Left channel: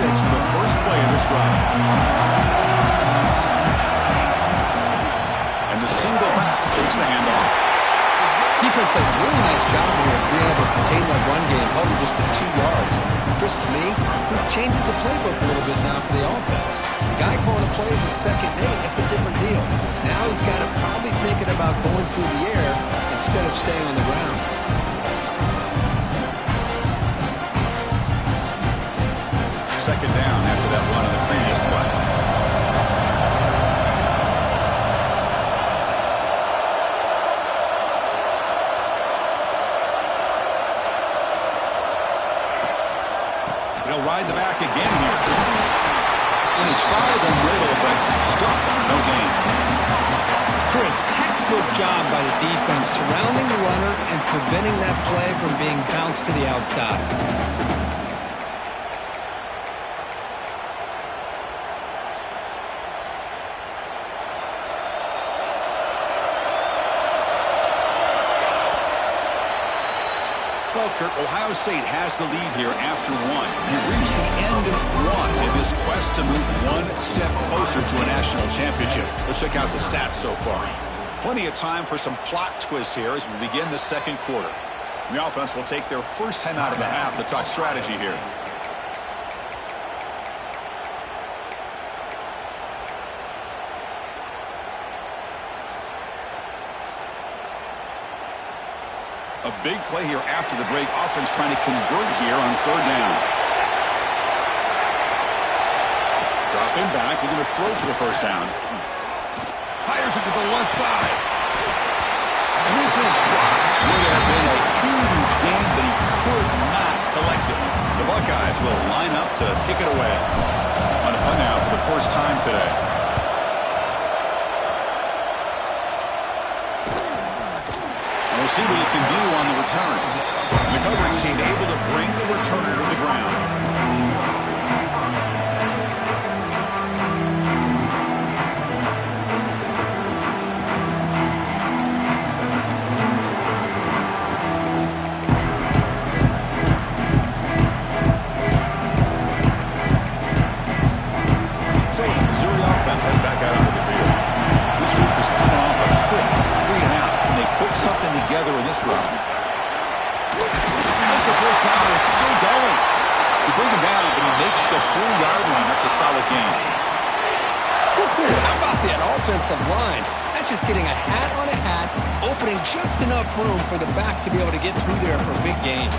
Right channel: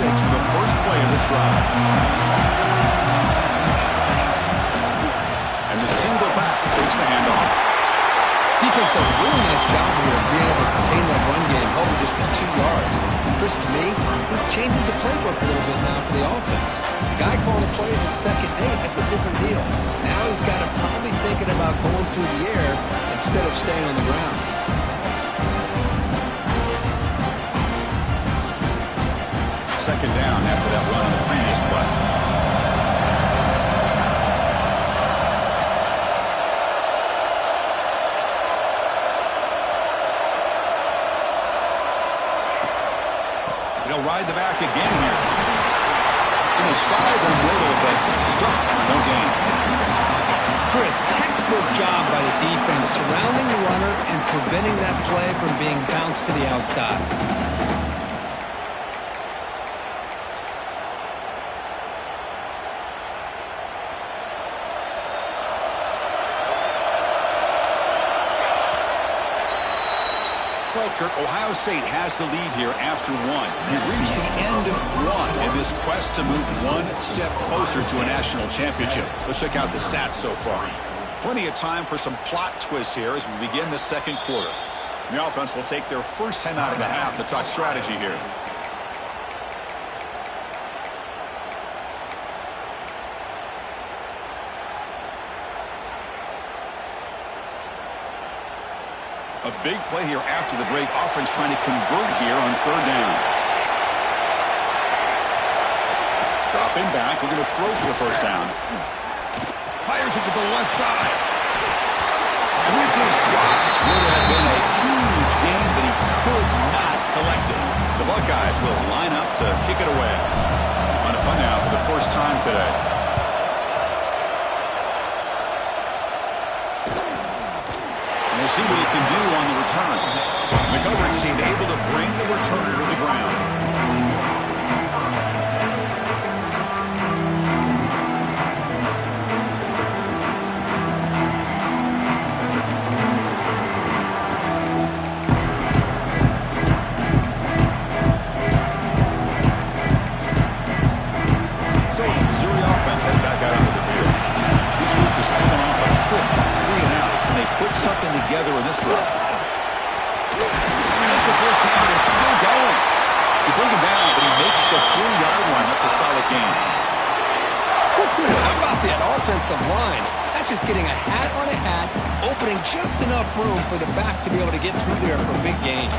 6 for the first play of this drive. And the single back takes the handoff. Defense does a really nice job here of being able to contain that run game, held him just to 2 yards. Chris, to me, this changes the playbook a little bit now for the offense. The guy calling the plays at 2nd and 8, that's a different deal. Now he's got to probably thinking about going through the air instead of staying on the ground. Second down after that run on the previous play. They'll ride the back again here. And they try the middle, but stuck for no gain. Chris, textbook job by the defense surrounding the runner and preventing that play from being bounced to the outside. Well, Kirk, Ohio State has the lead here after 1. We've reached the end of 1 in this quest to move one step closer to a national championship. Let's check out the stats so far. Plenty of time for some plot twists here as we begin the second quarter. The offense will take their first time out of the half to talk strategy here. A big play here after the break. Offense trying to convert here on 3rd down. Dropping back, looking to throw for the first down. Fires it to the left side. And this is dropped. Would have been a huge gain, but he could not collect it. The Buckeyes will line up to kick it away. On a punt now for the first time today. We'll see what he can do on the return. The coverage team able to bring the returner to the ground. So the Missouri offense heads back out onto the field. This group is coming off a quick 3 and out. They put something together in this run. As the first down is still going. They bring him down, but he makes the 4-yard line. That's a solid gain. How about that offensive line? That's just getting a hat on a hat, opening just enough room for the back to be able to get through there for a big gain.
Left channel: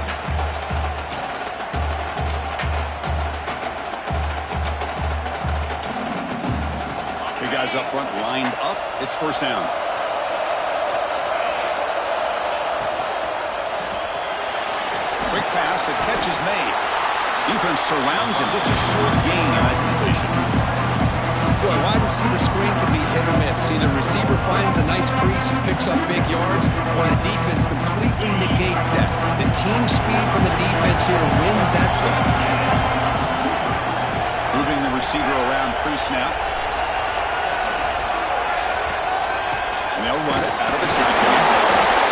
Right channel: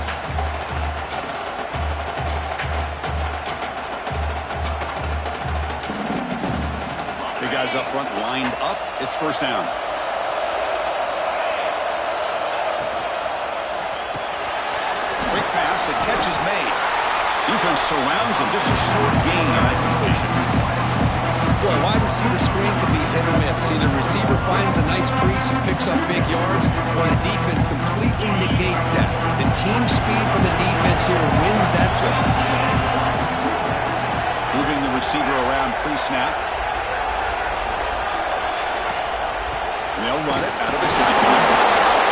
The guys up front lined up. It's first down. Quick pass, the catch is made. Defense surrounds him, just a short gain on that completion. Boy, wide receiver screen can be hit or miss. Either receiver finds a nice crease and picks up big yards, or the defense completely negates that. The team speed from the defense here wins that play. Moving the receiver around pre-snap. And they'll run it out of the shotgun.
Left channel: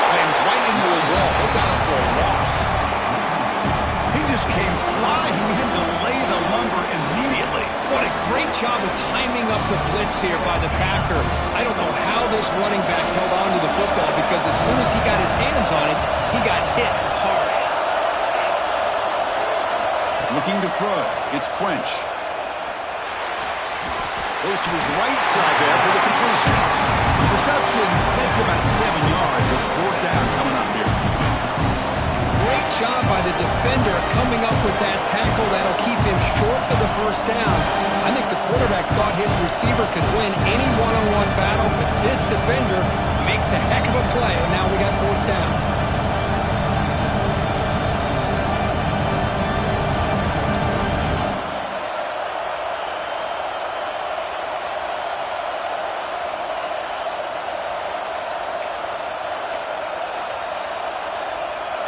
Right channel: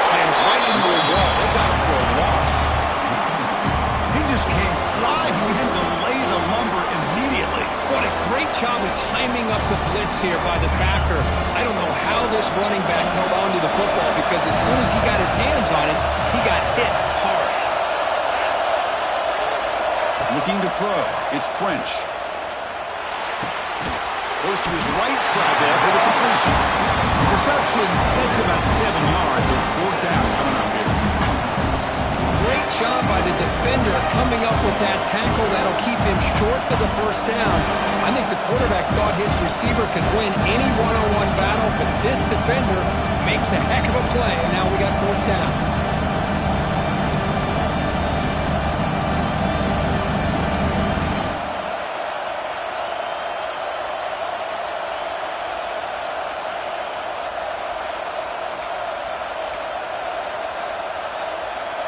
Slams right into a wall. They got him for a loss. He just came flying in to lay the lumber immediately. What a great job of timing up the blitz here by the backer. I don't know how this running back held on to the football, because as soon as he got his hands on it, he got hit hard. Looking to throw. It's French. Goes to his right side there for the completion. The reception makes about 7 yards, but 4th down coming up here. Great job by the defender coming up with that tackle that'll keep him short of the first down. I think the quarterback thought his receiver could win any one-on-one battle, but this defender makes a heck of a play, and now we got 4th down.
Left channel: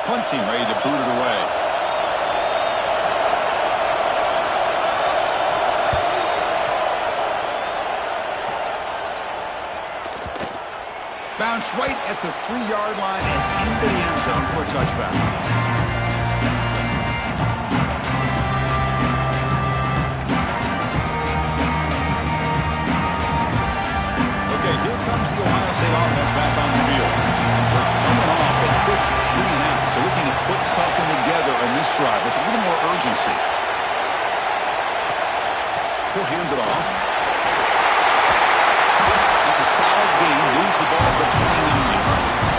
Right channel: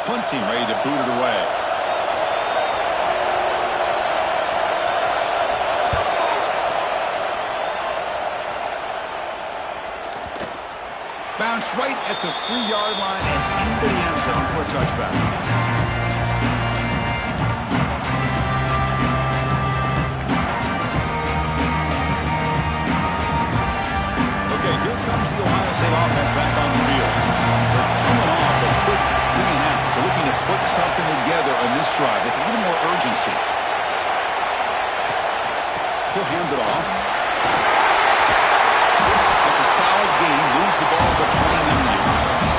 Punt team ready to boot it away. Bounce right at the 3-yard line and into the end zone for a touchback. Here comes the Ohio State offense back on the field. They're coming off a quick 3 and out, so looking to put something together on this drive with a little more urgency. He'll hand it off. That's a solid gain. Moves the ball to the 29.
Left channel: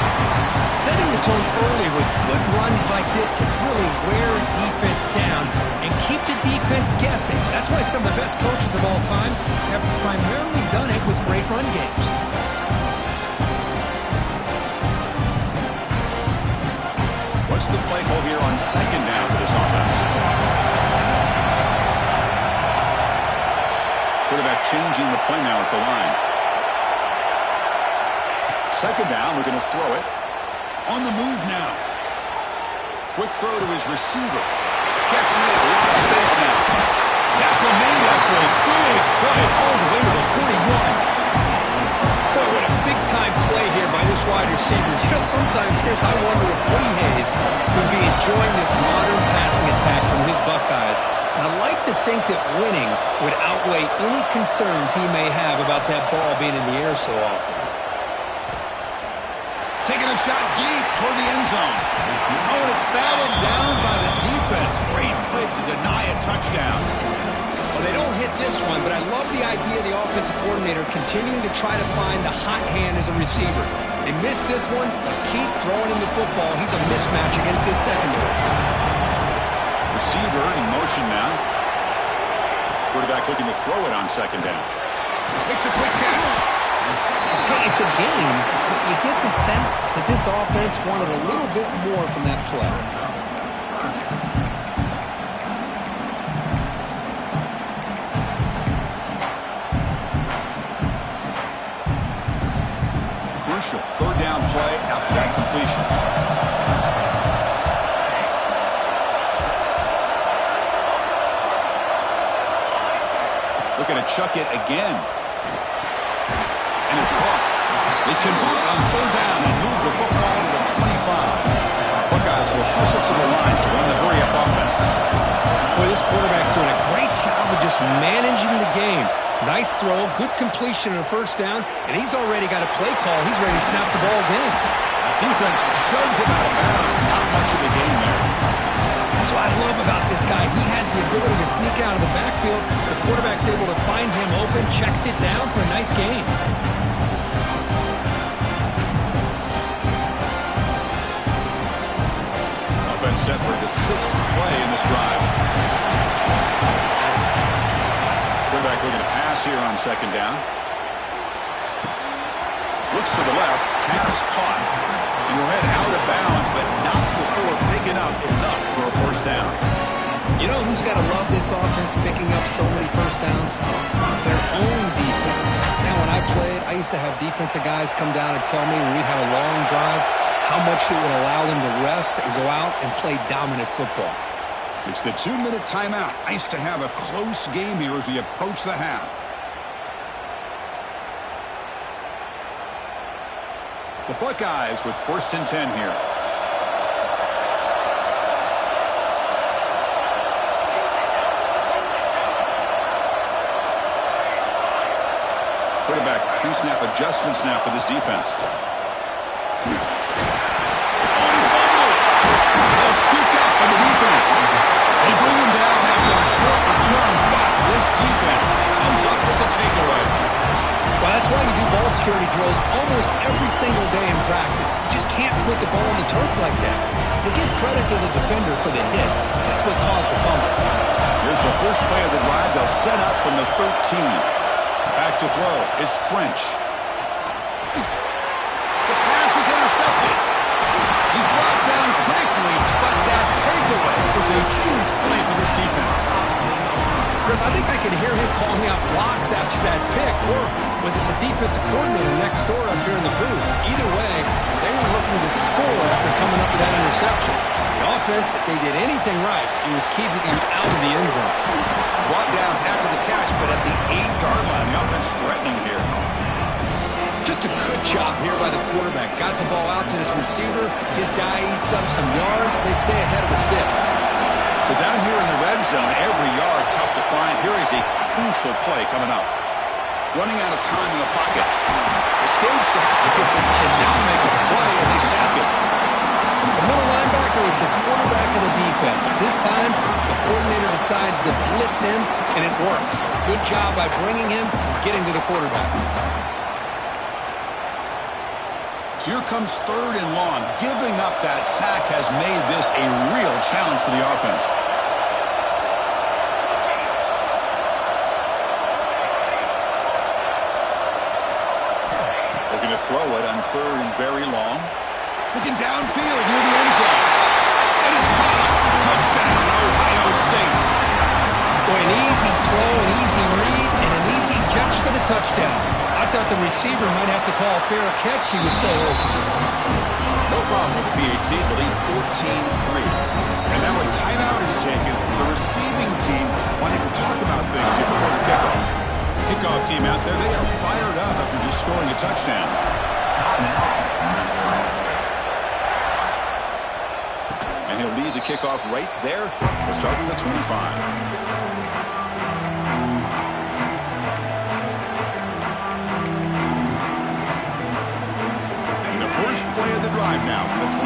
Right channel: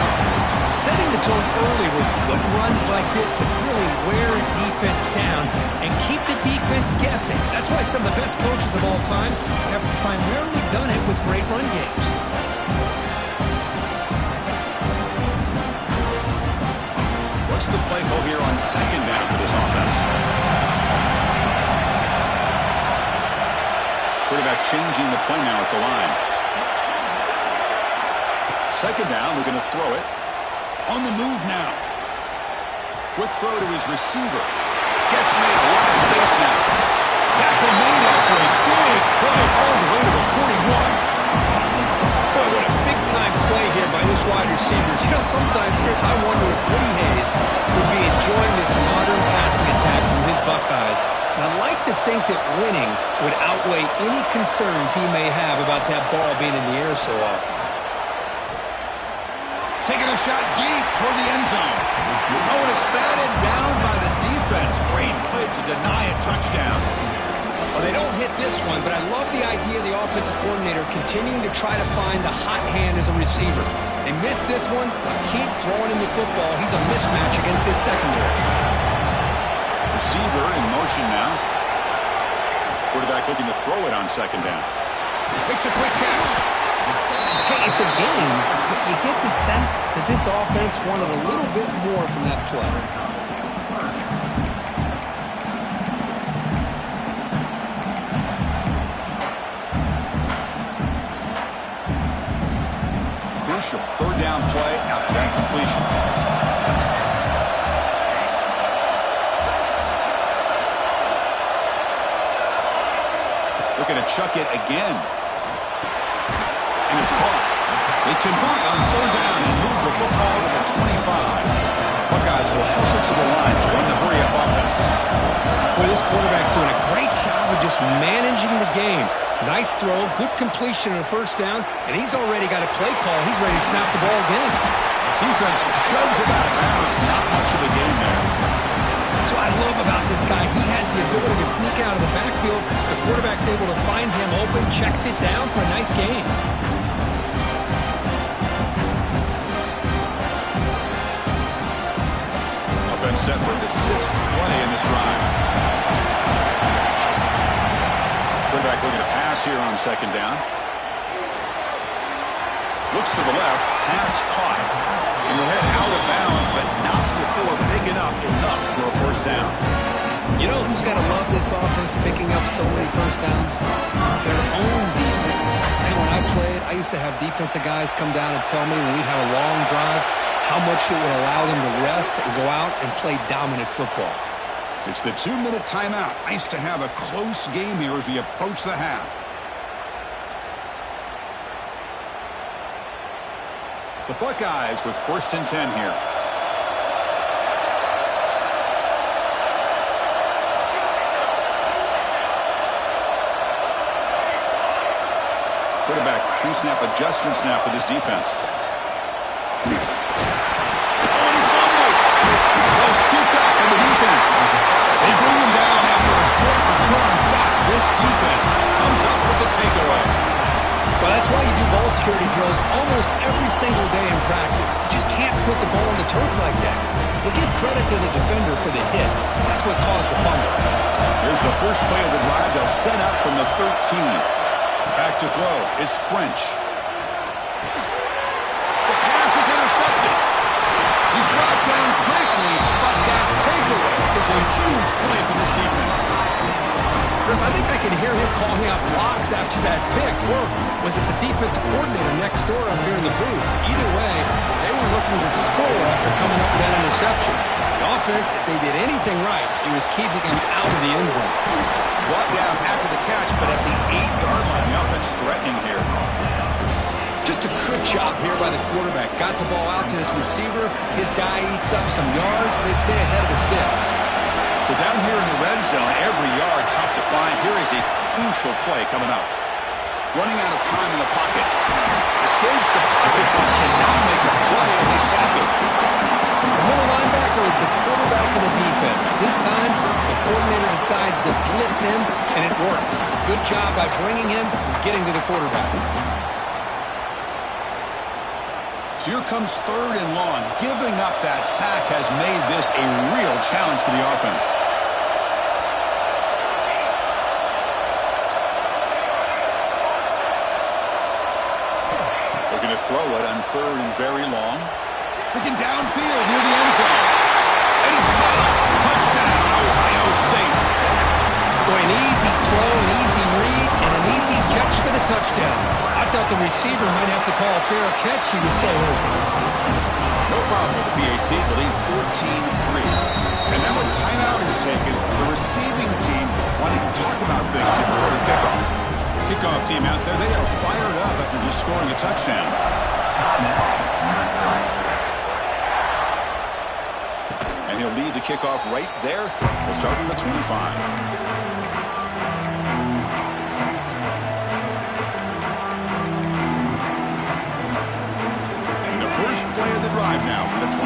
Setting the tone early with good runs like this can really wear a defense down and keep the defense guessing. That's why some of the best coaches of all time have primarily done it with great run games. What's the play call here on second down for this offense? Quarterback changing the play now at the line. Second down, we're going to throw it. On the move now. Quick throw to his receiver. Catch made, a lot of space now. Tackle made after a big play all the way to the 41. Boy, what a big-time play here by this wide receiver. You know, sometimes, Chris, I wonder if Woody Hayes would be enjoying this modern passing attack from his Buckeyes. And I like to think that winning would outweigh any concerns he may have about that ball being in the air so often. Taking a shot deep toward the end zone. Oh, and it's batted down by the defense. Great play to deny a touchdown. Well, they don't hit this one, but I love the idea of the offensive coordinator continuing to try to find the hot hand as a receiver. They missed this one, but keep throwing him the football. He's a mismatch against his secondary. Receiver in motion now. Quarterback looking to throw it on second down. Makes a quick catch. Hey, it's a game, but you get the sense that this offense wanted a little bit more from that play. Crucial third down play after that completion. Looking to chuck it again. And it's caught. They convert on third down and move the football to the 25. Buckeyes will hustle to the line to run the hurry-up offense. Boy, this quarterback's doing a great job of just managing the game. Nice throw, good completion on a first down, and he's already got a play call. He's ready to snap the ball again. Defense shoves him out of bounds. Not much of a gain there. That's what I love about this guy. He has the ability to sneak out of the backfield. The quarterback's able to find him open, checks it down for a nice gain. Offense set for the 6th play in this drive. Quarterback looking to pass here on second down. Looks to the left, pass caught. And he'll head out of bounds, but not before picking up enough for a first down. You know who's got to love this offense picking up so many first downs? Their own defense. Now, when I played, I used to have defensive guys come down and tell me when we'd have a long drive how much it would allow them to rest and go out and play dominant football. It's the 2-minute timeout. Nice to have a close game here as we approach the half. The Buckeyes with 1st and 10 here. Quarterback pre-snap adjustments now for this defense. Scooped up on the defense. They bring him down after a short return, but this defense comes up with the takeaway. Well, that's why you do ball security drills almost every single day in practice. You just can't put the ball on the turf like that. But give credit to the defender for the hit, because that's what caused the fumble. Here's the first play of the drive. They'll set up from the 13. Back to throw. It's French. The pass is intercepted. He's brought down quickly, but that takeaway is a huge play for this defense. Chris, I think I can hear him calling out blocks after that pick. Or was it the defensive coordinator next door up here in the booth? Either way, they were looking to score after coming up with that interception. The offense, if they did anything right, it was keeping him out of the end zone. Brought down after the catch, but at the 8-yard line, the offense threatening here. Just a good job here by the quarterback. Got the ball out to his receiver. His guy eats up some yards. They stay ahead of the sticks. So down here in the red zone, every yard tough to find. Here is a crucial play coming up. Running out of time in the pocket. is the quarterback of the defense. This time, the coordinator decides to blitz him, and it works. Good job by bringing him and getting to the quarterback. So here comes 3rd and long. Giving up that sack has made this a real challenge for the offense. Looking to throw it on 3rd and very long. Looking downfield near the end zone. And it's caught. Touchdown, Ohio State. Boy, an easy throw, an easy read, and an easy catch for the touchdown. I thought the receiver might have to call a fair catch. He was so open. No problem with the PHC. The lead 14-3. And now a timeout is taken. The receiving team wanting to talk about things here before the kickoff. Kickoff team out there, they are fired up after just scoring a touchdown. And he'll lead the kickoff right there. We'll start with the 25. First play of the drive now from the 25.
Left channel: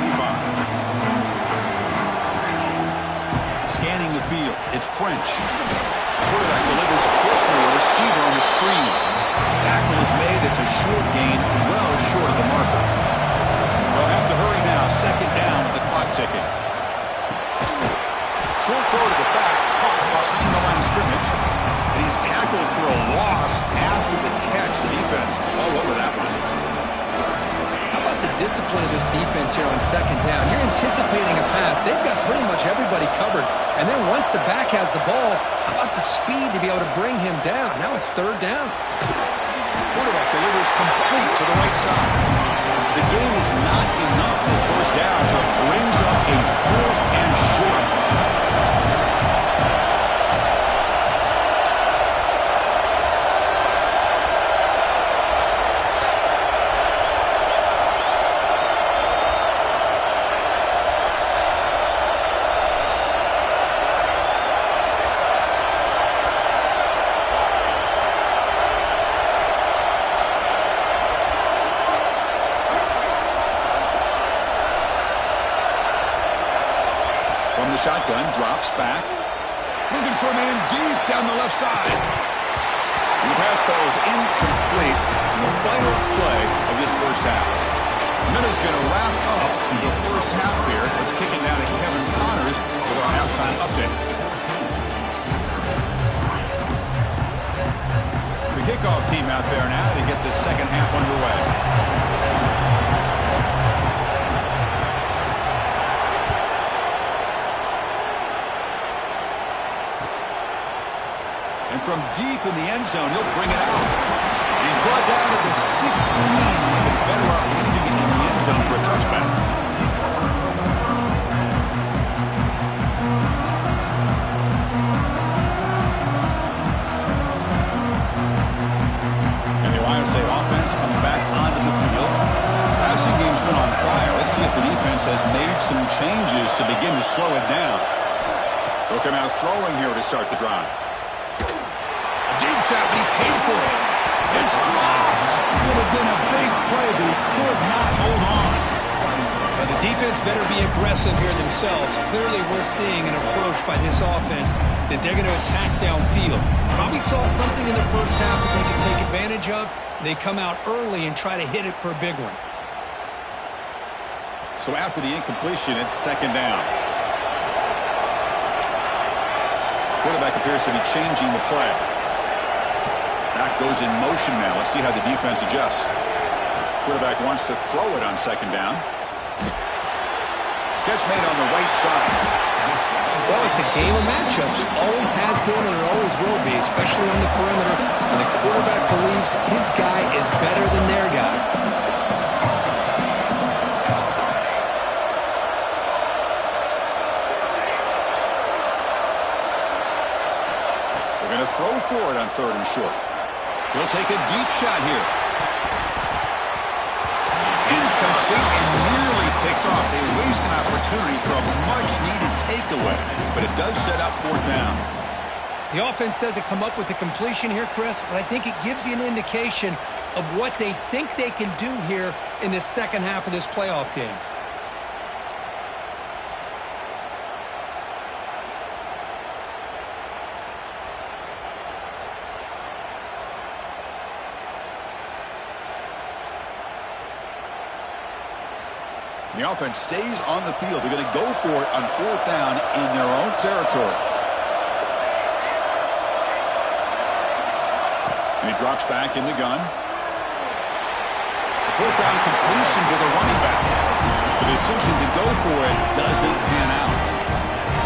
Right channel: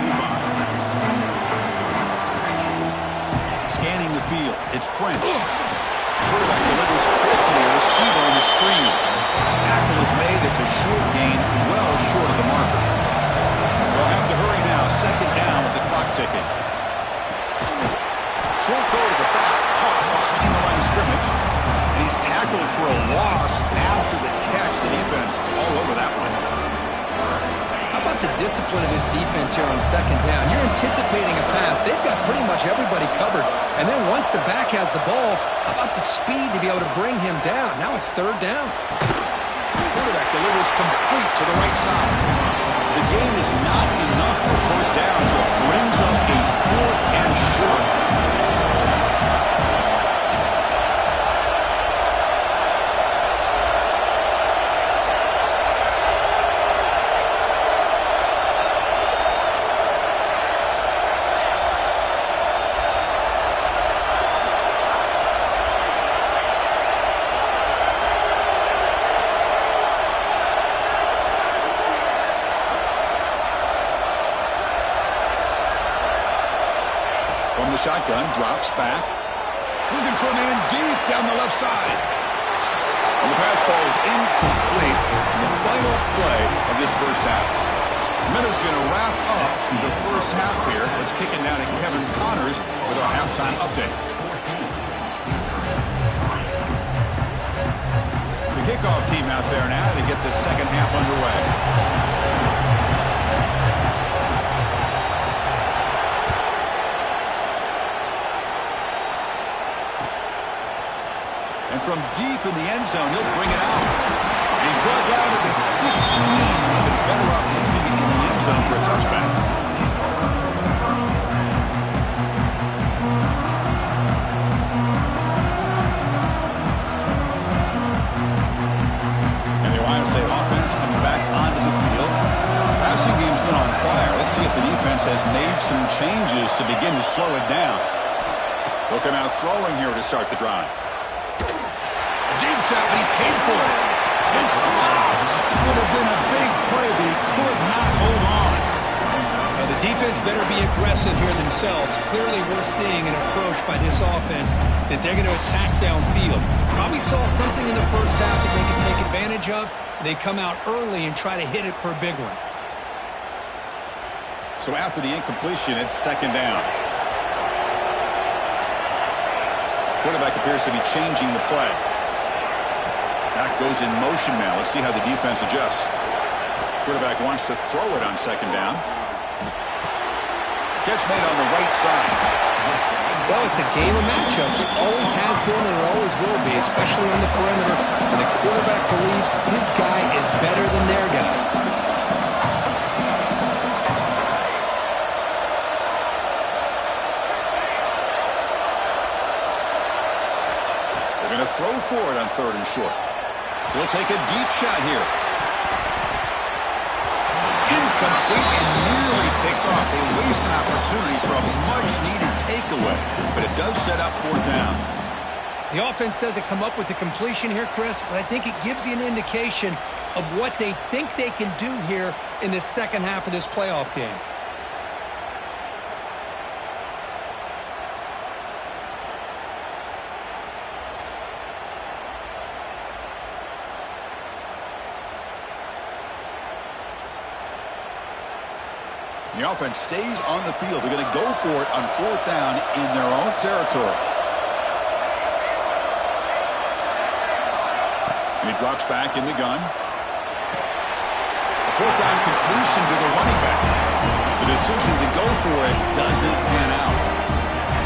Scanning the field, it's French. Quarterback delivers quickly, a receiver on the screen. Tackle is made, it's a short gain, well short of the marker. They'll have to hurry now, 2nd down with the clock ticking. Short throw to the back, caught behind the line of scrimmage. And he's tackled for a loss after the catch. The defense all over that one. How about the discipline of this defense here on 2nd down? You're anticipating a pass. They've got pretty much everybody covered. And then once the back has the ball, how about the speed to be able to bring him down? Now it's 3rd down. Quarterback delivers complete to the right side. The gain is not enough for 1st down, so it brings up a 4th and short. From the shotgun, drops back. Looking for a man deep down the left side. And the pass falls incomplete in the final play of this 1st half. Minutes going to wrap up the 1st half here. Let's kick it down to Kevin Connors with our halftime update. The kickoff team out there now to get the 2nd half underway. And from deep in the end zone, he'll bring it out. And he's brought down to the 16. Would have been better off leaving it in the end zone for a touchback. And the Ohio State offense comes back onto the field. Passing game's been on fire. Let's see if the defense has made some changes to begin to slow it down. They'll come out throwing here to start the drive. Deep shot, but he paid for it. It's dropped. Would have been a big play, but he could not hold on. Now the defense better be aggressive here themselves. Clearly we're seeing an approach by this offense that they're going to attack downfield. Probably saw something in the 1st half that they could take advantage of. They come out early and try to hit it for a big one. So after the incompletion, it's 2nd down. Quarterback appears to be changing the play. Back goes in motion now. Let's see how the defense adjusts. Quarterback wants to throw it on 2nd down. Catch made on the right side. Well, it's a game of matchups. Always has been and it always will be, especially on the perimeter. And the quarterback believes his guy is better than their guy. They're going to throw for it on 3rd and short. He'll take a deep shot here. Incomplete and nearly picked off. They waste an opportunity for a much-needed takeaway, but it does set up 4th down. The offense doesn't come up with the completion here, Chris, but I think it gives you an indication of what they think they can do here in the 2nd half of this playoff game. The offense stays on the field. They're going to go for it on fourth down in their own territory. And he drops back in the gun. A fourth down completion to the running back. The decision to go for it doesn't pan out.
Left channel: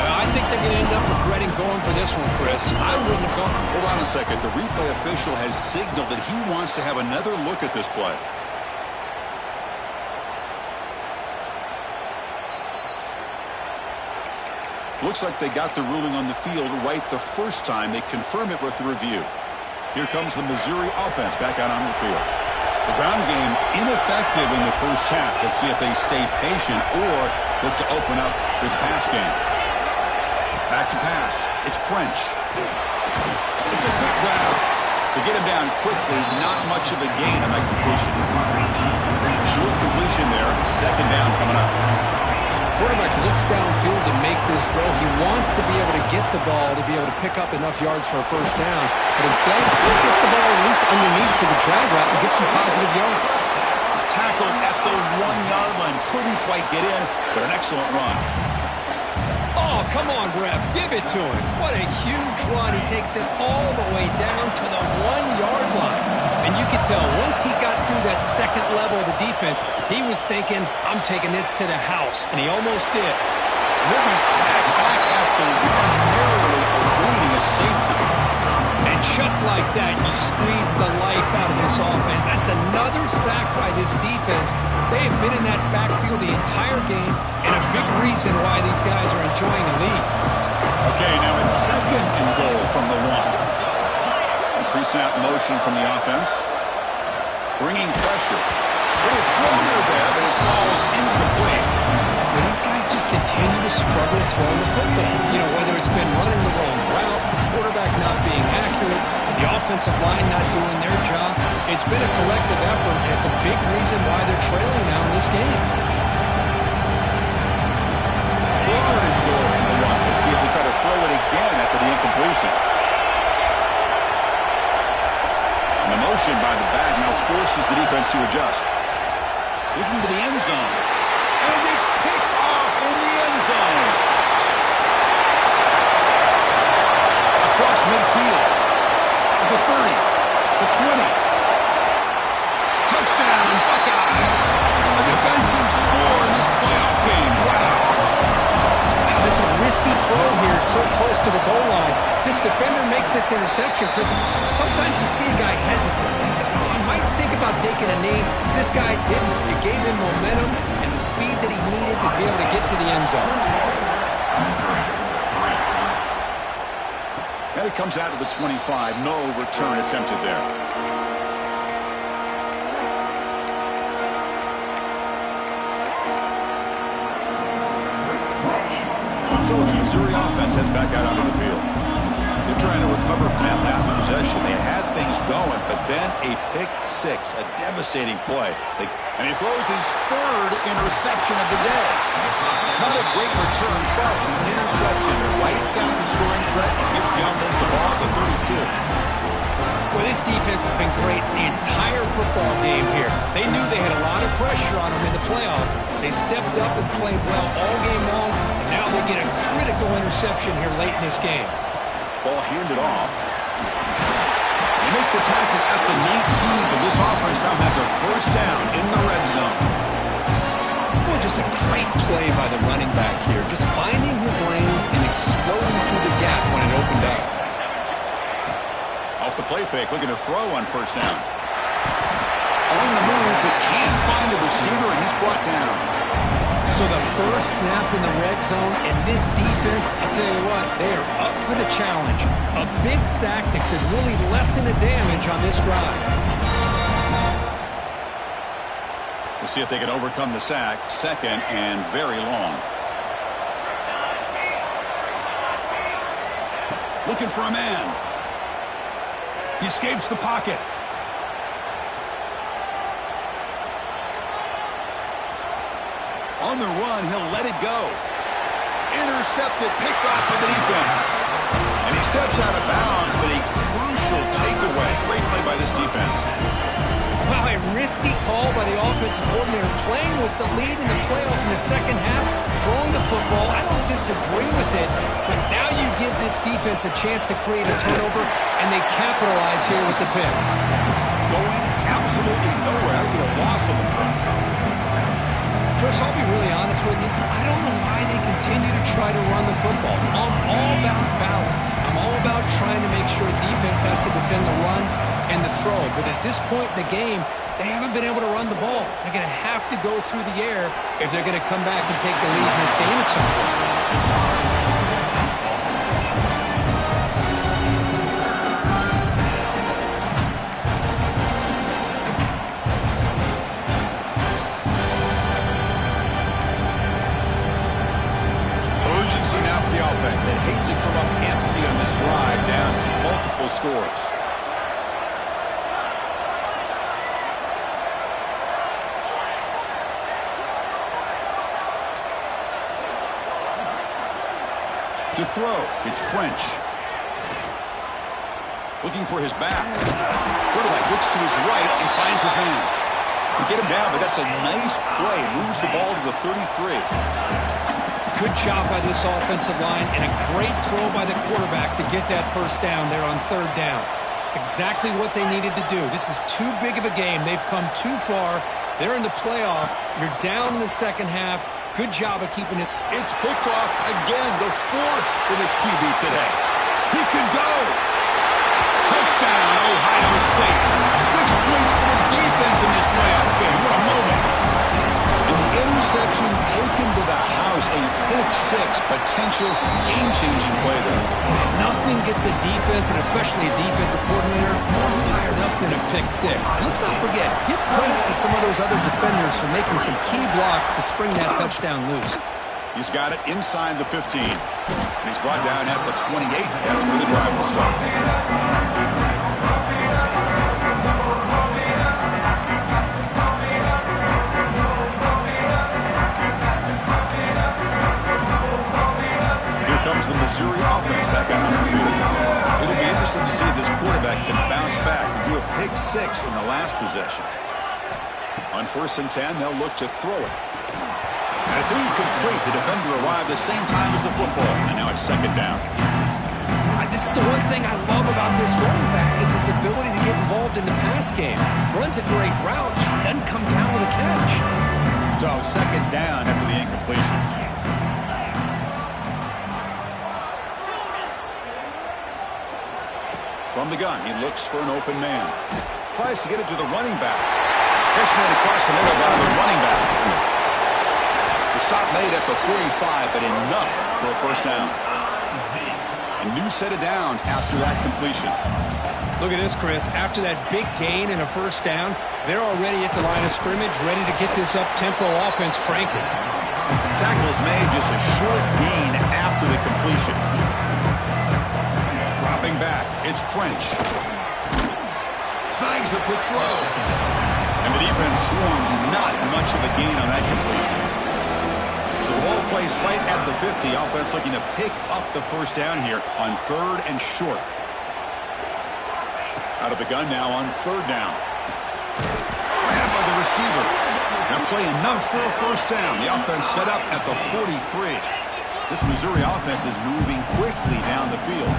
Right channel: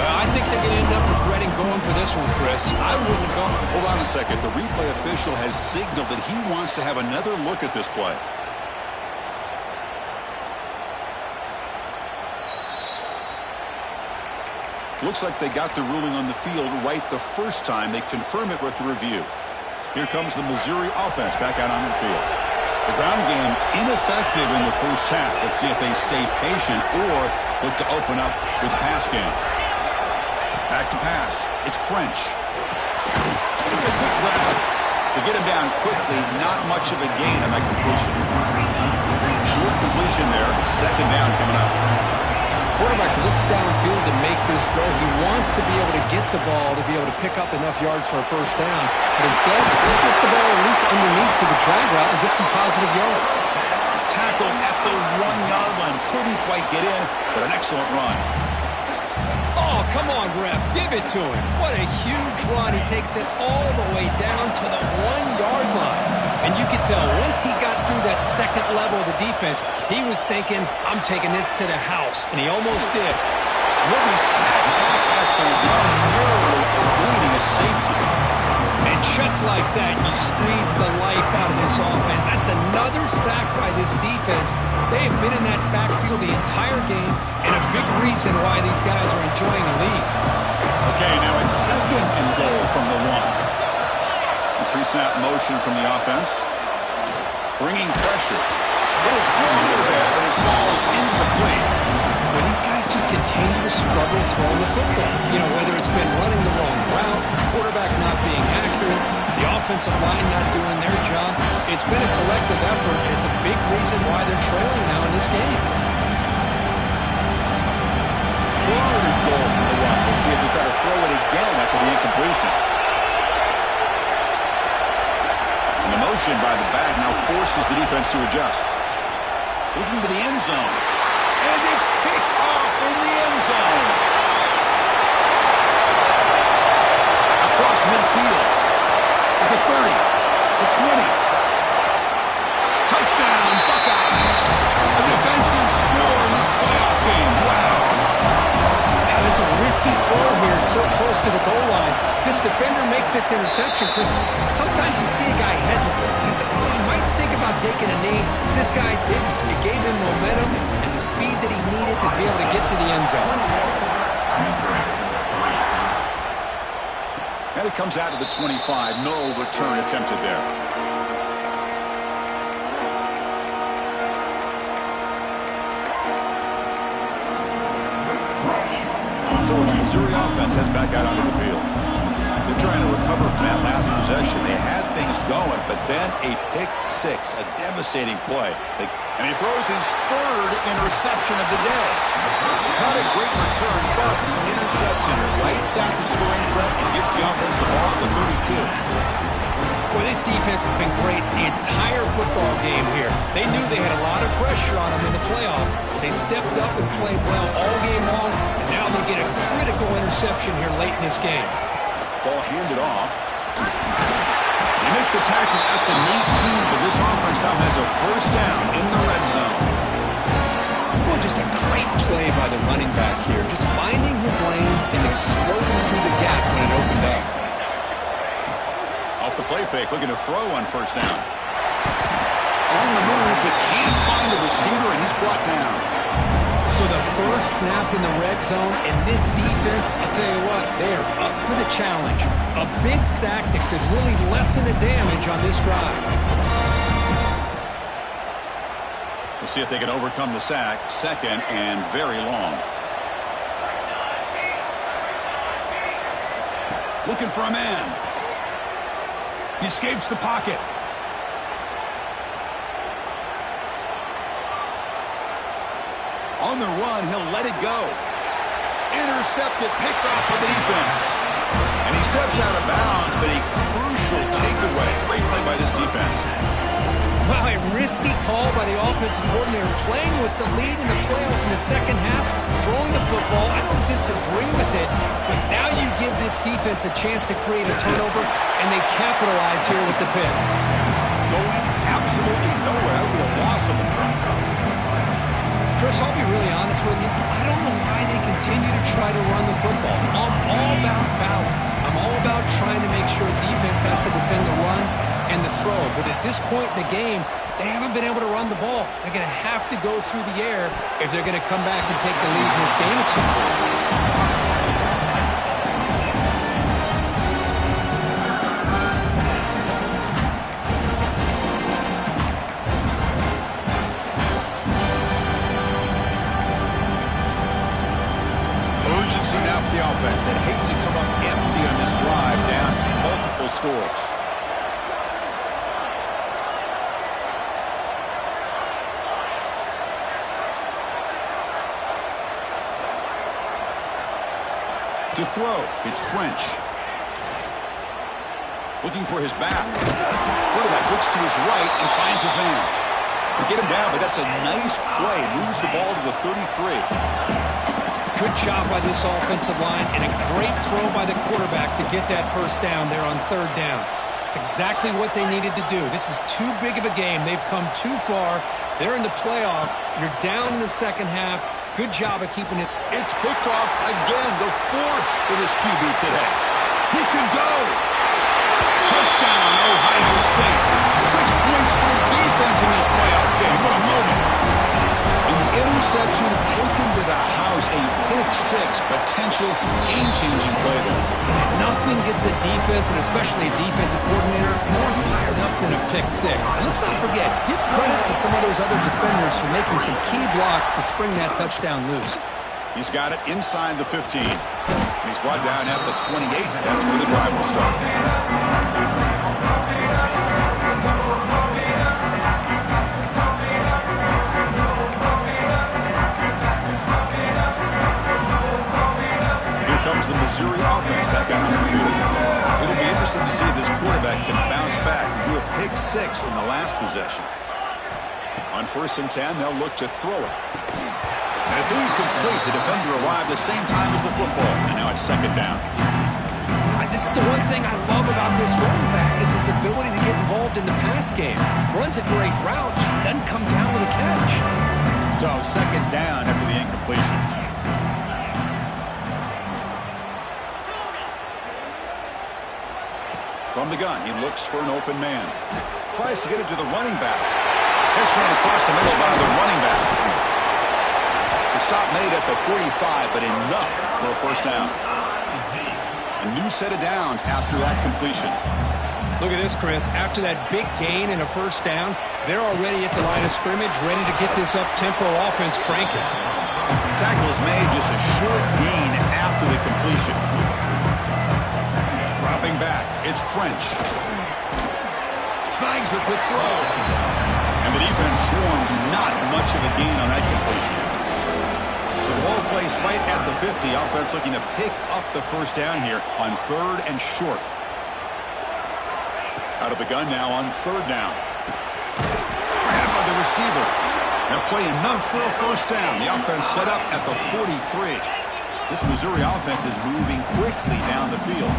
I think they're going to end up regretting going for this one, Chris. I wouldn't have gone. Hold on a second. The replay official has signaled that he wants to have another look at this play. Looks like they got the ruling on the field right the first time. They confirm it with the review. Here comes the Missouri offense back out on the field. The ground game ineffective in the first half. Let's see if they stay patient or look to open up with the pass game. Back to pass. It's French. It's a quick grab. To get him down quickly, not much of a gain on that completion. Short completion there. Second down coming up. Quarterback looks downfield to make this throw. He wants to be able to get the ball to be able to pick up enough yards for a first down. But instead, he gets the ball at least underneath to the drag route and gets some positive yards. Tackled at the 1-yard line. Couldn't quite get in, but an excellent run. Oh, come on, ref. Give it to him. What a huge run. He takes it all the way down to the 1-yard line. And you could tell once he got through that second level of the defense, he was thinking, I'm taking this to the house. And he almost did. He'll be sacked back at the run, narrowly avoiding a safety. And just like that, you squeeze the life out of this offense. That's another sack by this defense. They have been in that backfield the entire game, and a big reason why these guys are enjoying a lead. Okay, now it's second and goal from the 1. Pre-snap motion from the offense. Bringing pressure. Little floater there, but it falls incomplete. Well, these guys just continue to struggle throwing the football. You know, whether it's been running the wrong route, the quarterback not being accurate, the offensive line not doing their job. It's been a collective effort, and it's a big reason why they're trailing now in this game. Third and goal from the 1. We'll see if they try to throw it again after the incompletion. And the motion by the back now forces the defense to adjust. Looking to the end zone. And it's picked off in the end zone. Across midfield. At the 30. The 20. Touchdown, Buckeyes. A defensive score in this playoff game. Wow. Now, there's a risky throw here so close to the goal line. This defender makes this interception, Chris. Sometimes you see a guy hesitant. He might think about taking a knee. This guy didn't. It gave him momentum and the speed that he needed to be able to get to the end zone. And it comes out of the 25. No return attempted there. So the Missouri offense heads back out onto the field. They're trying to recover from that last possession. They had things going, but then a pick six, a devastating play. And he throws his third interception of the day. Not a great return, but the interception wipes out the scoring threat and gives the offense the ball at the 32. Well, this defense has been great the entire football game here. They knew they had a lot of pressure on them in the playoff. They stepped up and played well all game long, and now they get a critical interception here late in this game. Ball handed off. They make the tackle at the 19, but this offense now has a first down in the red zone. Well, just a great play by the running back here. Just finding his lanes and exploding through the gap when it opened up. Off the play fake, looking to throw on first down. On the move, but can't find a receiver, and he's brought down. So the first snap in the red zone, and this defense, I'll tell you what, they are up for the challenge. A big sack that could really lessen the damage on this drive. We'll see if they can overcome the sack. Second and very long. Looking for a man. He escapes the pocket. On the run, he'll let it go. Intercepted, picked off by the defense. And he steps out of bounds, but a crucial takeaway. Great play by this defense. Wow, a risky call by the offensive coordinator, playing with the lead in the playoff in the second half, throwing the football. I don't disagree with it, but now you give this defense a chance to create a turnover, and they capitalize here with the pick. Going absolutely nowhere. That would be a loss of the play. Chris, I'll be really honest with you. I don't know why they continue to try to run the football. I'm all about balance. I'm all about trying to make sure defense has to defend the run and the throw. But at this point in the game, they haven't been able to run the ball. They're going to have to go through the air if they're going to come back and take the lead in this game at some point. Now for the offense that hates to come up empty on this drive, down multiple scores. To throw, it's French. Looking for his back. Quarterback looks to his right and finds his man. They get him down, but that's a nice play. Moves the ball to the 33. Good job by this offensive line, and a great throw by the quarterback to get that first down there on third down. It's exactly what they needed to do. This is too big of a game. They've come too far. They're in the playoff. You're down in the second half. Good job of keeping it. It's picked off again, the fourth for this QB today. He can go. Touchdown, Ohio State. 6 points for the defense in this playoff game. What a moment. And the interception taken to the house, a pick-6, potential game-changing play there. Man, nothing gets a defense, and especially a defensive coordinator, more fired up than a pick-6. And let's not forget, give credit to some of those other defenders for making some key blocks to spring that touchdown loose. He's got it inside the 15. And he's brought down at the 28. That's where the drive will start. The Missouri offense back out on the field. It'll be interesting to see if this quarterback can bounce back. He threw a pick-6 in the last possession. On 1st and 10, they'll look to throw it. And it's incomplete. The defender arrived the same time as the football, and now it's 2nd down. This is the one thing I love about this running back is his ability to get involved in the pass game. Runs a great route, just doesn't come down with a catch. So 2nd down after the incompletion. From the gun, he looks for an open man. Tries to get it to the running back. Catch made across the middle by the running back. The stop made at the 45, but enough for a 1st down. A new set of downs after that completion. Look at this, Chris. After that big gain and a 1st down, they're already at the line of scrimmage, ready to get this up-tempo offense cranking. Tackle is made, just a short gain after the completion. Dropping back, it's French. Snags the quick throw. And the defense swarms, not much of a gain on that completion. So the ball plays right at the 50. Offense looking to pick up the 1st down here on 3rd and short. Out of the gun now on 3rd down. Grabbed by the receiver. Now play enough for a 1st down. The offense set up at the 43. This Missouri offense is moving quickly down the field.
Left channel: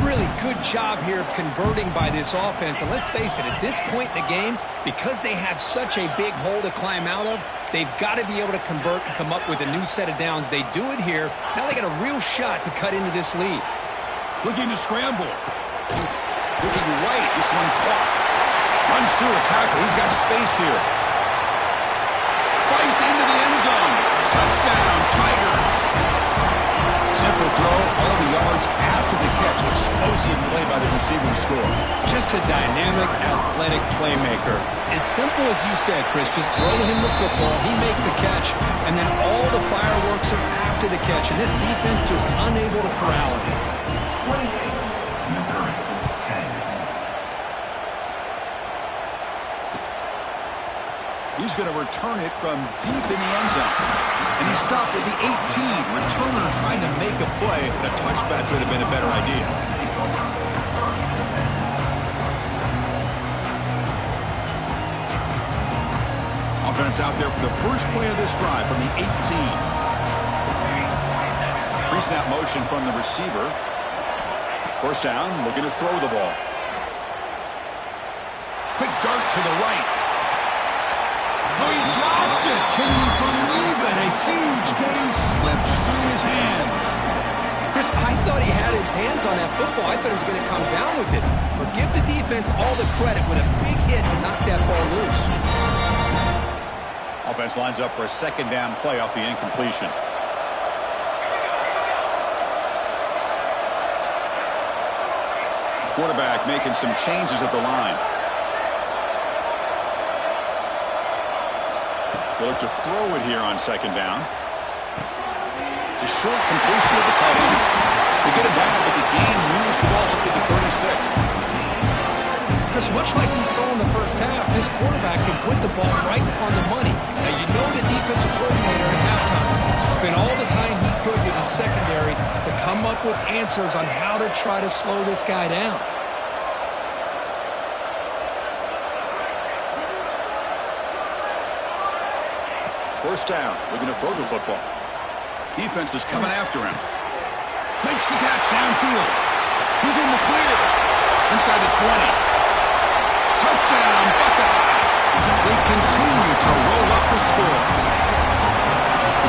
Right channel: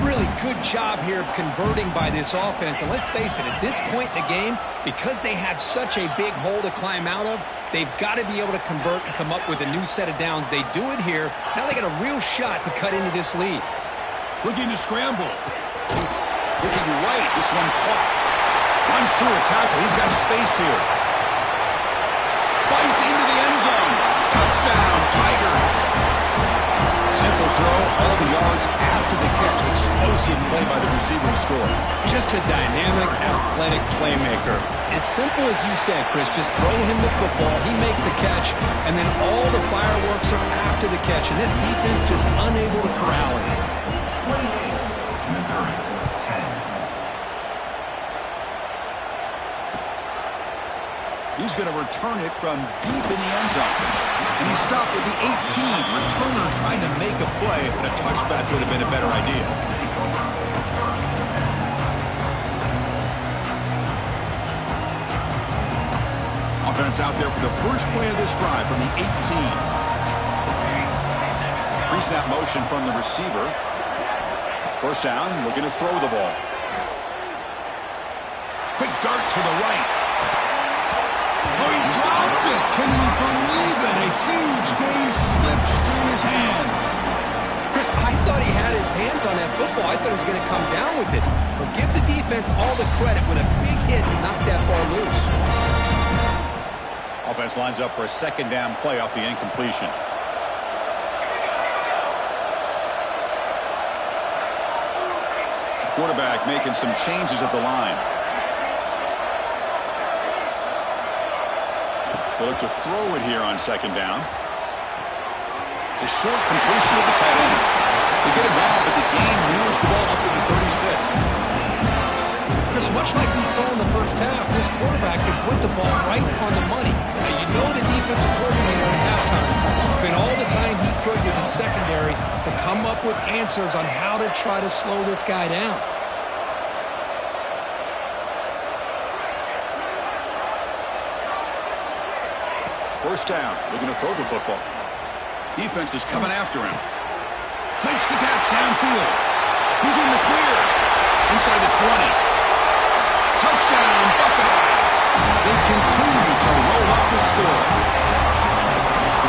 Really good job here of converting by this offense. And let's face it, at this point in the game, because they have such a big hole to climb out of, they've got to be able to convert and come up with a new set of downs. They do it here. Now they got a real shot to cut into this lead. Looking to scramble. Looking right. This one caught. Runs through a tackle. He's got space here. Fights into the end zone. Touchdown, Tigers. Simple throw, all the yards after the catch. Explosive play by the receiver to score. Just a dynamic, athletic playmaker. As simple as you said, Chris, just throw him the football, he makes a catch, and then all the fireworks are after the catch, and this defense just unable to corral him. 28, Missouri, 10. He's going to return it from deep in the end zone. And he stopped with the 18. Returner trying to make a play, but a touchback would have been a better idea. Offense out there for the first play of this drive from the 18. Pre-snap motion from the receiver. First down, looking to throw the ball. Quick dart to the right. Oh, he dropped it. Can you believe it? A huge gain slips through his hands. Chris, I thought he had his hands on that football. I thought he was going to come down with it. But give the defense all the credit with a big hit to knock that ball loose. Offense lines up for a second down play off the incompletion. Quarterback making some changes at the line. They look to throw it here on second down. It's a short completion of the tight end. They get it back, but the gain moves the ball up to the 36. Chris, much like we saw in the first half, this quarterback can put the ball right on the money. Now, you know the defensive coordinator at halftime spent all the time he could with the secondary to come up with answers on how to try to slow this guy down. First down, looking to throw the football. Defense is coming after him. Makes the catch downfield. He's in the clear. Inside the 20. Touchdown, Buckeyes. They continue to roll up the score.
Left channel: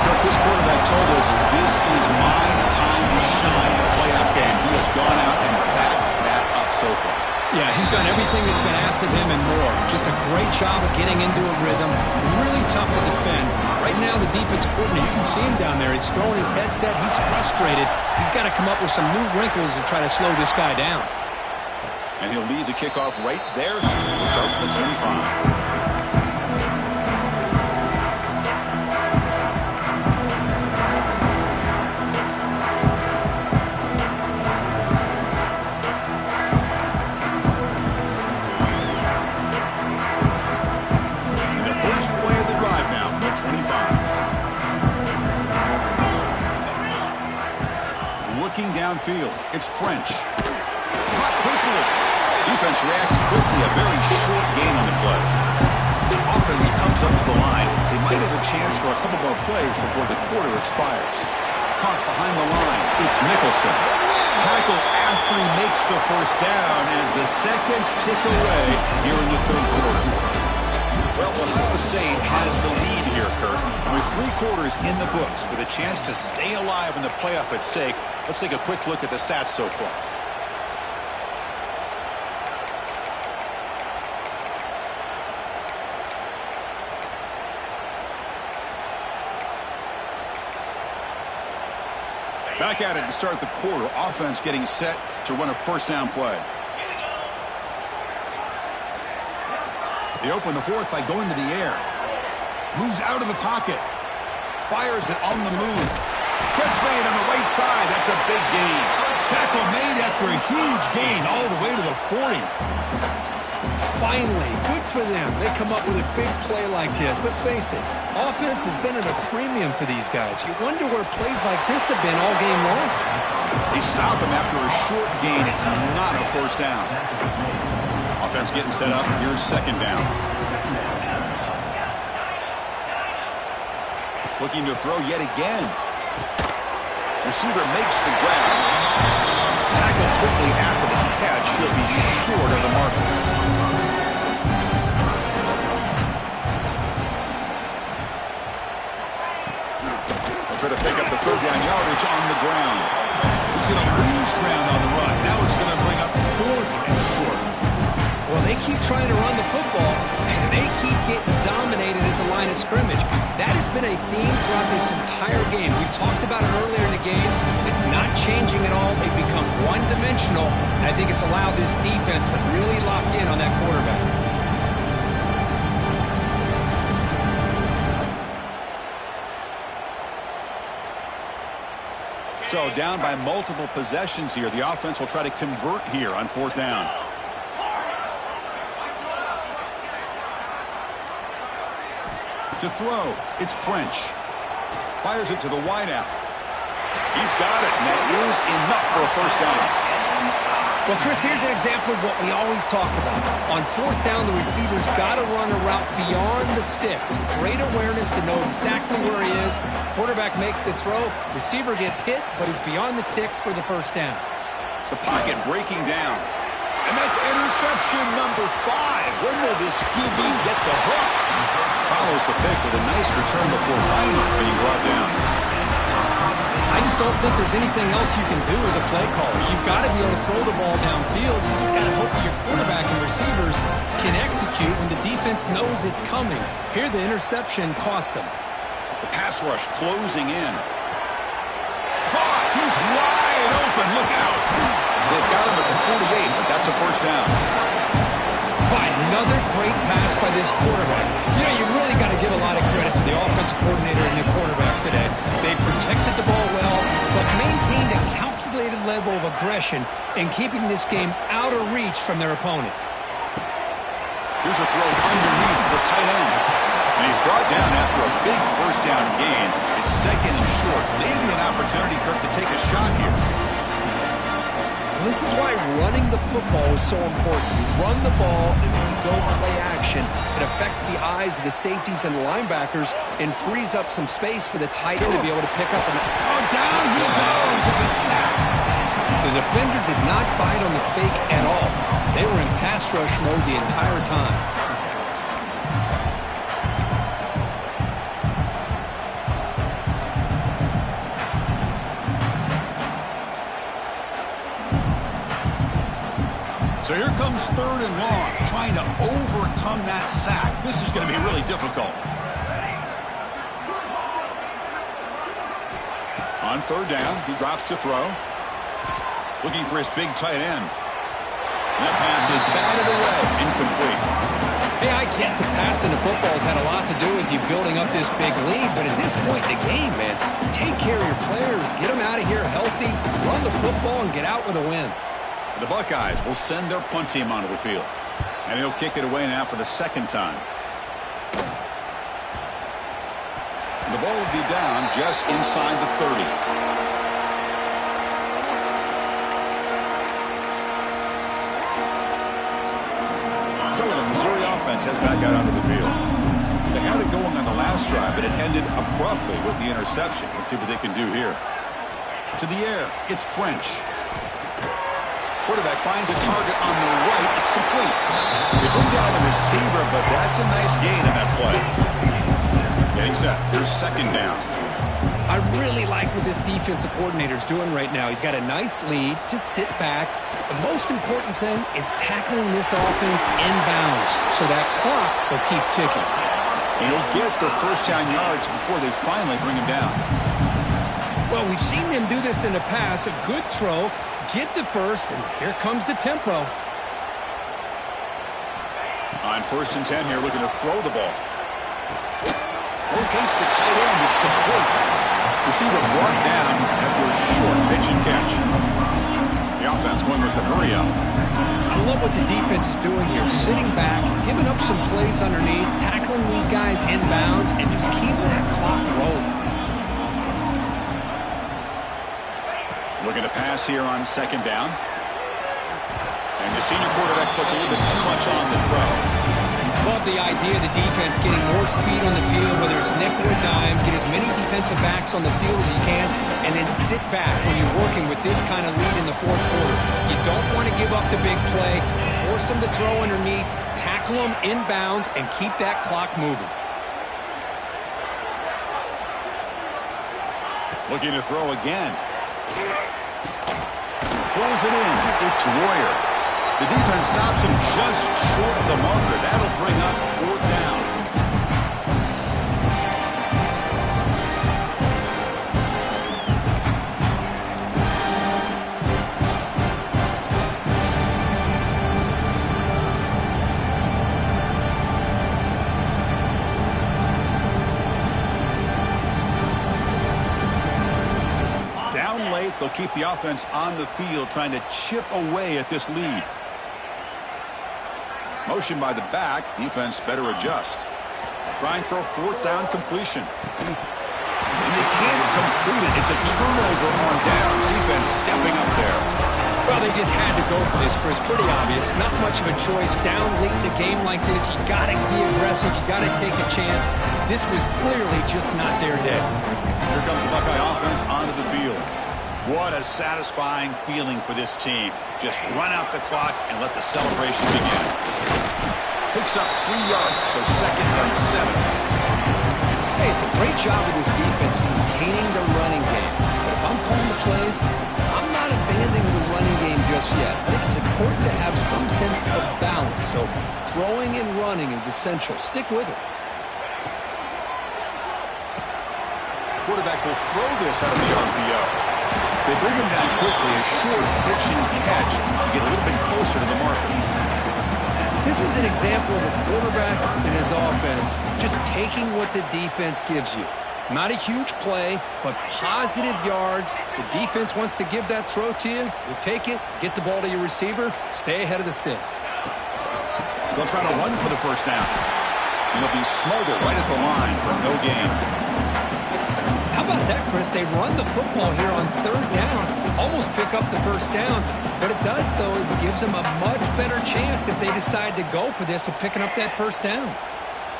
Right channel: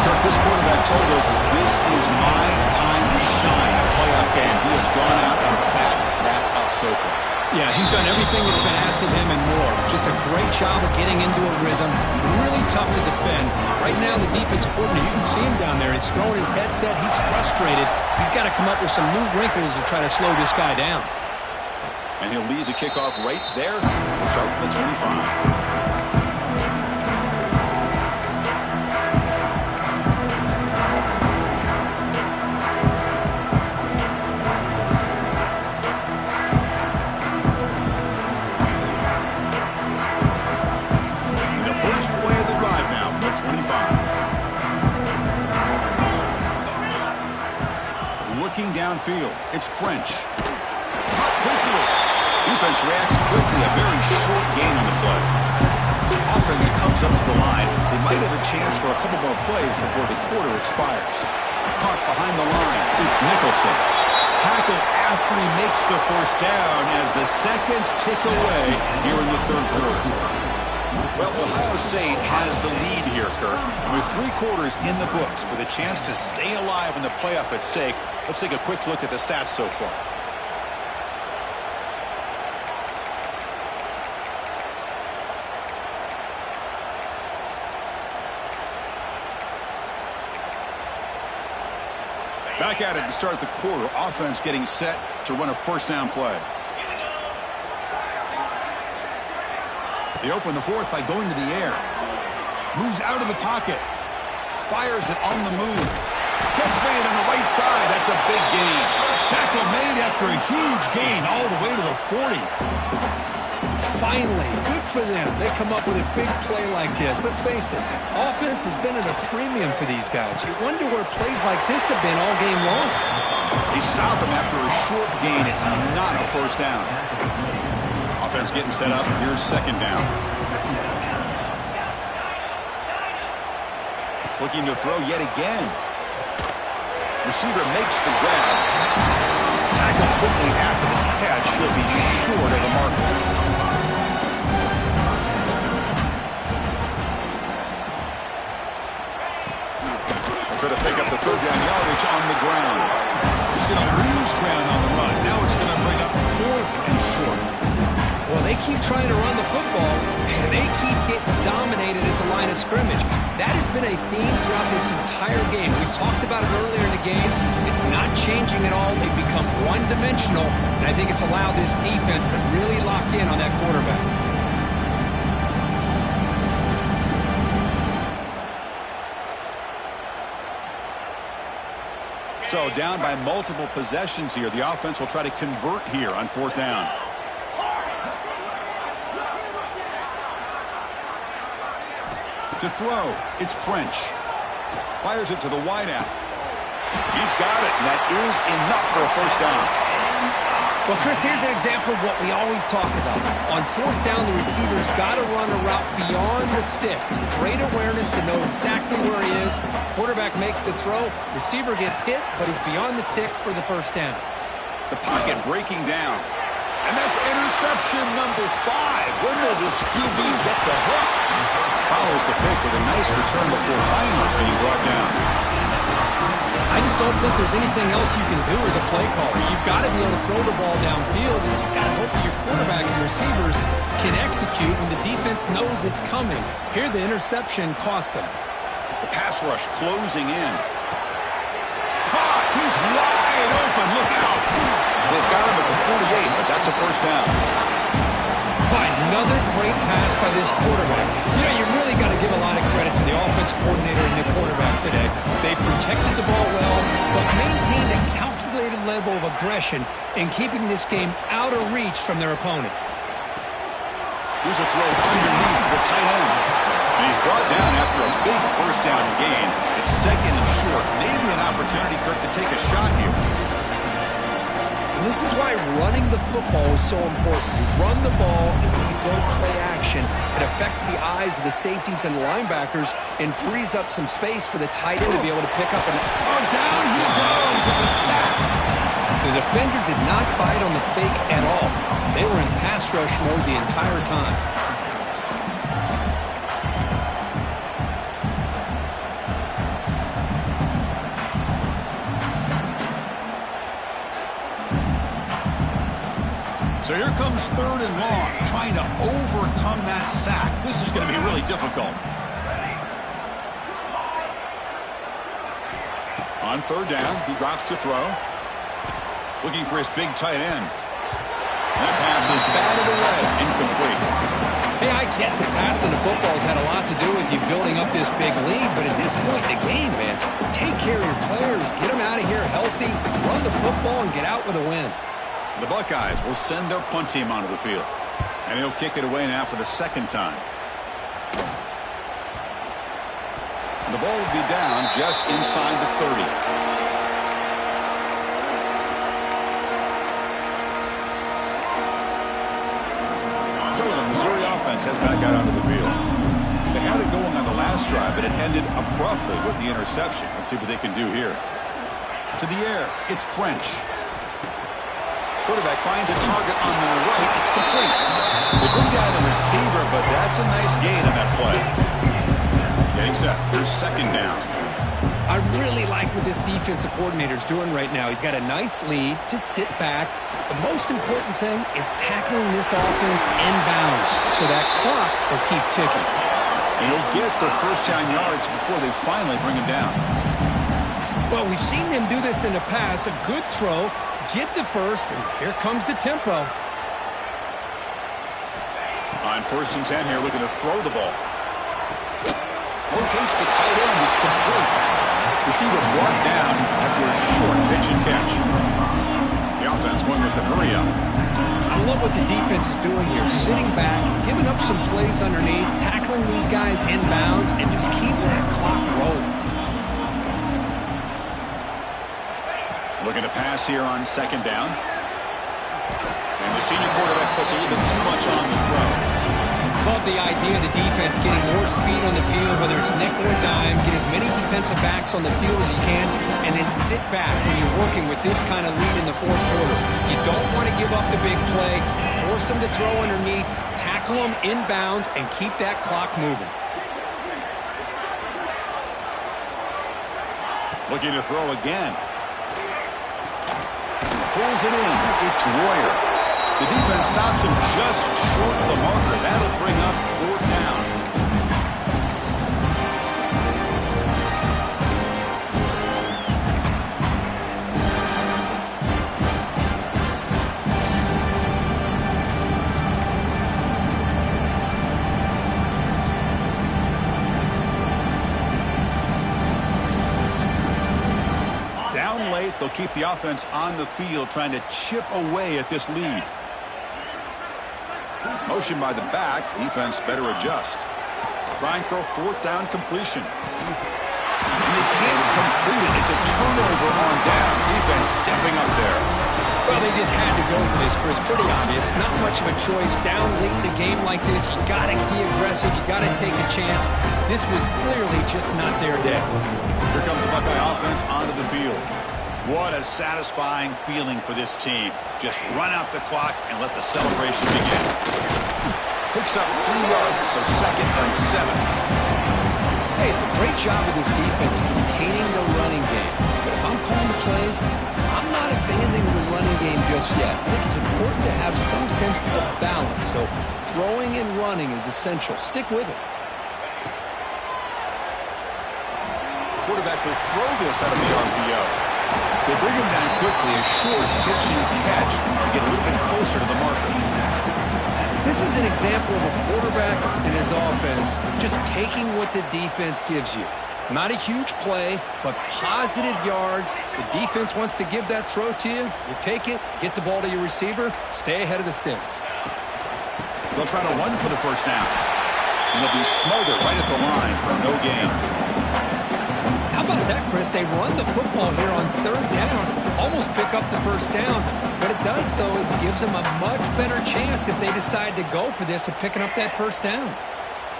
Kirk, this quarterback told us this is my time to shine. A playoff game. He has gone out and backed that up so far. Yeah, he's done everything that's been asked of him and more. Just a great job of getting into a rhythm. Really tough to defend. Right now, the defensive coordinator, you can see him down there. He's throwing his headset. He's frustrated. He's got to come up with some new wrinkles to try to slow this guy down. And he'll lead the kickoff right there. We'll start with the 25. Looking downfield, it's French. Caught quickly. Defense reacts quickly. A very short gain on the play. Offense comes up to the line. They might have a chance for a couple more plays before the quarter expires. Caught behind the line. It's Nicholson. Tackle after he makes the first down as the seconds tick away here in the third quarter. Well, Ohio State has the lead here, Kirk. With 3 quarters in the books, with a chance to stay alive in the playoff at stake, let's take a quick look at the stats so far. Back at it to start the quarter. Offense getting set to run a first down play. They open the fourth by going to the air. Moves out of the pocket. Fires it on the move. Catch made on the right side. That's a big gain. Tackle made after a huge gain all the way to the 40. Finally, good for them. They come up with a big play like this. Let's face it, offense has been at a premium for these guys. You wonder where plays like this have been all game long. They stop him after a short gain. It's not a first down. Offense getting set up. Here's second down. Looking to throw yet again. Receiver makes the grab. Tackle quickly after the catch. He'll be short of the marker. They'll try to pick up the third down yardage on the ground. He's going to lose ground on the run. Now it's going to bring up 4th and short. Well, they keep trying to run the football, and they keep getting dominated at the line of scrimmage. That has been a theme throughout this entire game. We've talked about it earlier in the game. It's not changing at all. They've become one-dimensional, and I think it's allowed this defense to really lock in on that quarterback. So down by multiple possessions here. The offense will try to convert here on 4th down. To throw, it's French. Fires it to the wideout. He's got it, and that is enough for a first down. Well, Chris, here's an example of what we always talk about. On fourth down, the receiver's got to run a route beyond the sticks. Great awareness to know exactly where he is. Quarterback makes the throw. Receiver gets hit, but he's beyond the sticks for the first down. The pocket breaking down. And that's interception number 5. When will this QB get the hook? Follows the pick with a nice return before finally being brought down. I just don't think there's anything else you can do as a play caller. You've got to be able to throw the ball downfield. You just got to hope that your quarterback and receivers can execute when the defense knows it's coming. Here, the interception cost them. The pass rush closing in. Caught! He's wide open. Look out! They've got him at the 48, but that's a first down. Another great pass by this quarterback. You know, you really got to give a lot of credit to the offensive coordinator and the quarterback today. They protected the ball well, but maintained a calculated level of aggression in keeping this game out of reach from their opponent. Here's a throw underneath the tight end. And he's brought down after a big first down gain. It's second and short. Maybe an opportunity, Kirk, to take a shot here. This is why running the football is so important. You run the ball, and then you go play action. It affects the eyes of the safeties and linebackers and frees up some space for the tight end to be able to pick up. Down he goes. It's a sack. The defender did not bite on the fake at all. They were in pass rush mode the entire time. So here comes third and long, trying to overcome that sack. This is going to be really difficult. On third down, he drops to throw. Looking for his big tight end. That pass is batted away, incomplete. Hey, I get the passing the football's had a lot to do with you building up this big lead, but at this point in the game, man, take care of your players, get them out of here healthy, run the football, and get out with a win. The Buckeyes will send their punt team onto the field. And he'll kick it away now for the second time. And the ball will be down just inside the 30. So the Missouri offense heads back out onto the field. They had it going on the last drive, but it ended abruptly with the interception. Let's see what they can do here. To the air, it's French. Quarterback finds a target on the right. It's complete. They bring down the receiver, but that's a nice gain on that play. Getting set. Here's second down. I really like what this defensive coordinator's doing right now. He's got a nice lead. Just sit back. The most important thing is tackling this offense inbounds so that clock will keep ticking. And he'll get the first down yards before they finally bring him down. Well, we've seen them do this in the past. A good throw. Get the first, and here comes the tempo. On first and 10 here, looking to throw the ball. Locates the tight end. It's complete. Receiver brought down after a short pitch and catch. The offense going with the hurry up. I love what the defense is doing here. Sitting back, giving up some plays underneath, tackling these guys inbounds, and just keep that clock rolling. Looking to pass here on second down. And the senior quarterback puts a little bit too much on the throw. Love the idea of the defense getting more speed on the field, whether it's nickel or dime. Get as many defensive backs on the field as you can, and then sit back when you're working with this kind of lead in the fourth quarter. You don't want to give up the big play. Force them to throw underneath, tackle them inbounds, and keep that clock moving. Looking to throw again. Pulls it in. It's Royer. The defense stops him just short of the marker. That'll bring up fourth down. Down late, they'll keep the offense on the field trying to chip away at this lead. Motion by the back. Defense better adjust. Trying for a fourth down completion. And they can't complete it. It's a turnover on downs. Defense stepping up there. Well, they just had to go for this, Chris. Pretty obvious. Not much of a choice. Down late in the game like this, you got to be aggressive. You got to take a chance. This was clearly just not their day. Here comes the Buckeye offense onto the field. What a satisfying feeling for this team. Just run out the clock and let the celebration begin. Picks up 3 yards, so 2nd and 7. Hey, it's a great job of this defense containing the running game. But if I'm calling the plays, I'm not abandoning the running game just yet. I think it's important to have some sense of balance. So throwing and running is essential. Stick with it. Quarterback will throw this out of the RPO. They bring him down quickly, a short pitch and catch to get a little bit closer to the marker. This is an example of a quarterback and his offense just taking what the defense gives you. Not a huge play, but positive yards. The defense wants to give that throw to you. You take it, get the ball to your receiver, stay ahead of the sticks. They'll try to run for the first down. And they'll be smothered right at the line for no gain. How about that, Chris? They run the football here on 3rd down, almost pick up the first down. What it does, though, is it gives them a much better chance if they decide to go for this of picking up that first down.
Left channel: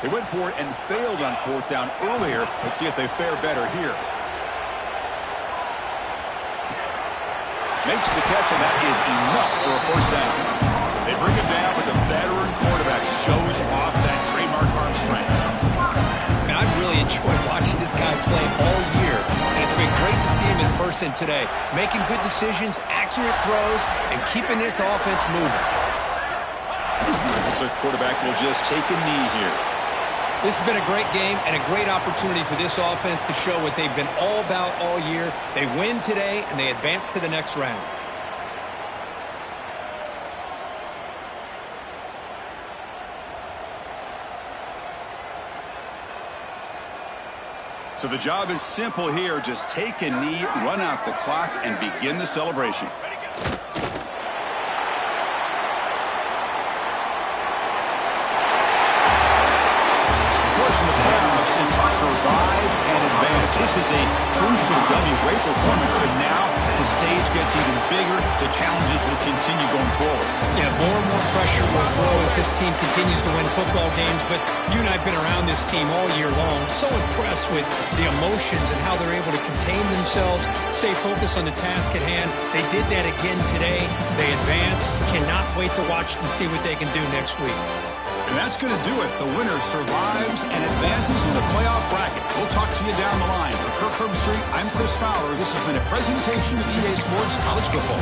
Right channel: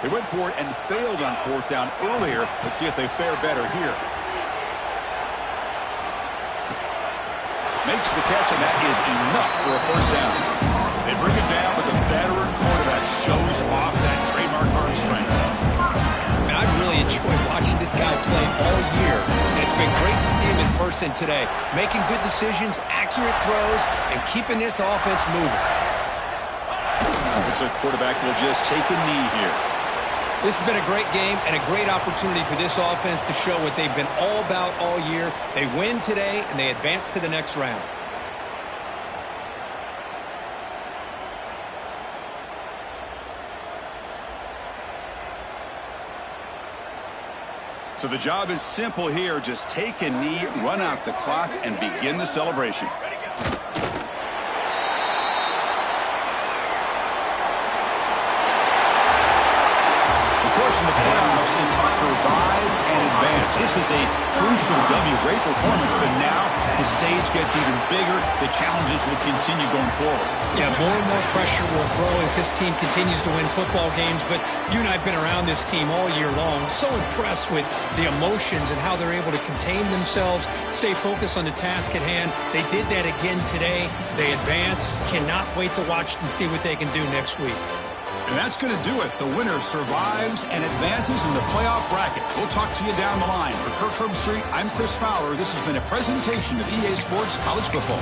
They went for it and failed on 4th down earlier. Let's see if they fare better here. Makes the catch, and that is enough for a first down. They bring him down, but the veteran quarterback shows off that trademark arm strength. I've really enjoyed watching this guy play all year, and it's been great to see him in person today, making good decisions, accurate throws, and keeping this offense moving. Looks like the quarterback will just take a knee here. This has been a great game and a great opportunity for this offense to show what they've been all about all year. They win today, and they advance to the next round. So the job is simple here. Just take a knee, run out the clock, and begin the celebration. In the playoffs, it's survive and advance. This is a crucial W. Great performance, but now the stage gets even bigger. The challenges will continue going forward. Yeah, more and more pressure will grow as this team continues to win football games, but you and I have been around this team all year long. So impressed with the emotions and how they're able to contain themselves, stay focused on the task at hand. They did that again today. They advance. Cannot wait to watch and see what they can do next week. And that's going to do it. The winner survives and advances in the playoff bracket. We'll talk to you down the line. For Kirk Herbstreit, I'm Chris Fowler. This has been a presentation of EA Sports College Football.